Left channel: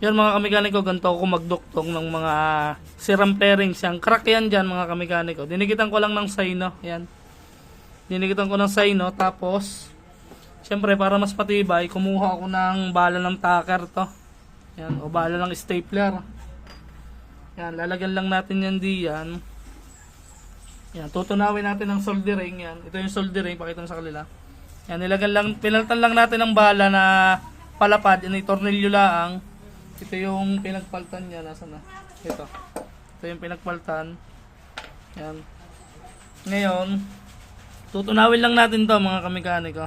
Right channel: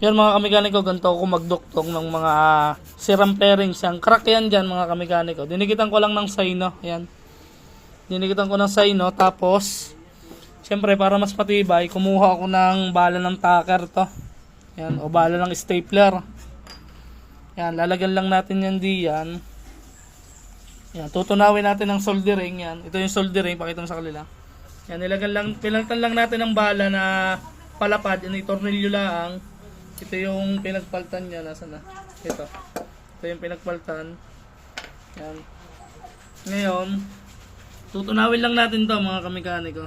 Yan mga kamekaniko, ganito ako magduktong ng mga sirang pairings. Yung crack yan dyan mga kamekaniko. Dinikitan ko lang ng sino. Yan. Dinikitan ko ng sino. Tapos, siyempre para mas matibay, kumuha ako ng bala ng tacker to. Yan. O bala ng stapler. Yan. Lalagyan lang natin yan diyan. Yan. Tutunawin natin ng soldering. Yan. Ito yung soldering. Pakita mo sa kanila. Yan. Nilagyan lang, pinaltan lang natin ng bala na palapad. Ini tornilyo lang. Ito yung pinagpaltan niya. Nasaan na? Ito. Ito yung pinagpaltan. Yan. Ngayon, tutunawin lang natin to mga kamekaniko.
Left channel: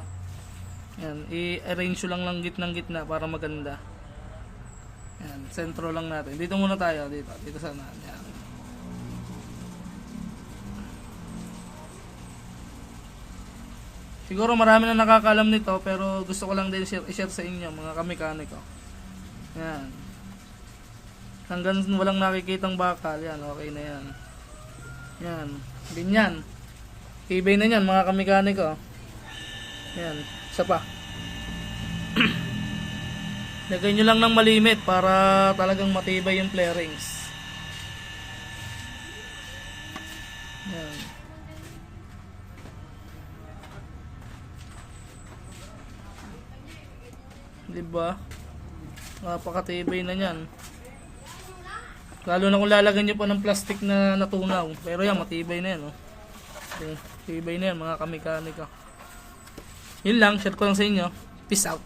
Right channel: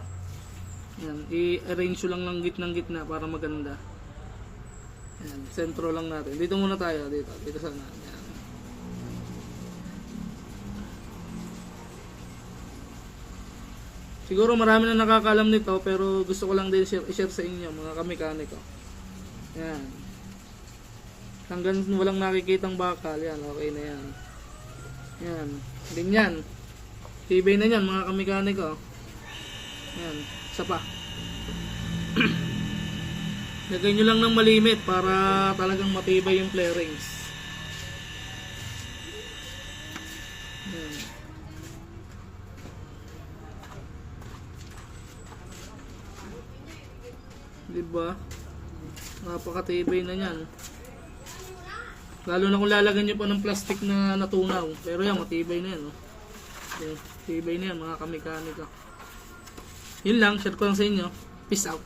Yan. I-arrange lang ng gitna para maganda. Yan. Sentro lang natin. Dito muna tayo. Dito sana. Yan. Siguro marami na nakakalam nito pero gusto ko lang din i-share sa inyo mga kamekaniko. Yan. Hanggang walang nakikitang bakal, yan, okay na yan. Yan, ganyan. Tibay na yan mga kamekaniko. Yan, isa pa. Lagay nyo lang ng malimit para talagang matibay yung flarings. Yan. Diba? Napakatibay na yan. Lalo na kung lalagyan nyo pa ng plastic na natunaw. Pero yan, matibay na yan. Oh. Tibay na yan mga kamekaniko. Yun lang, share ko lang sa inyo. Peace out.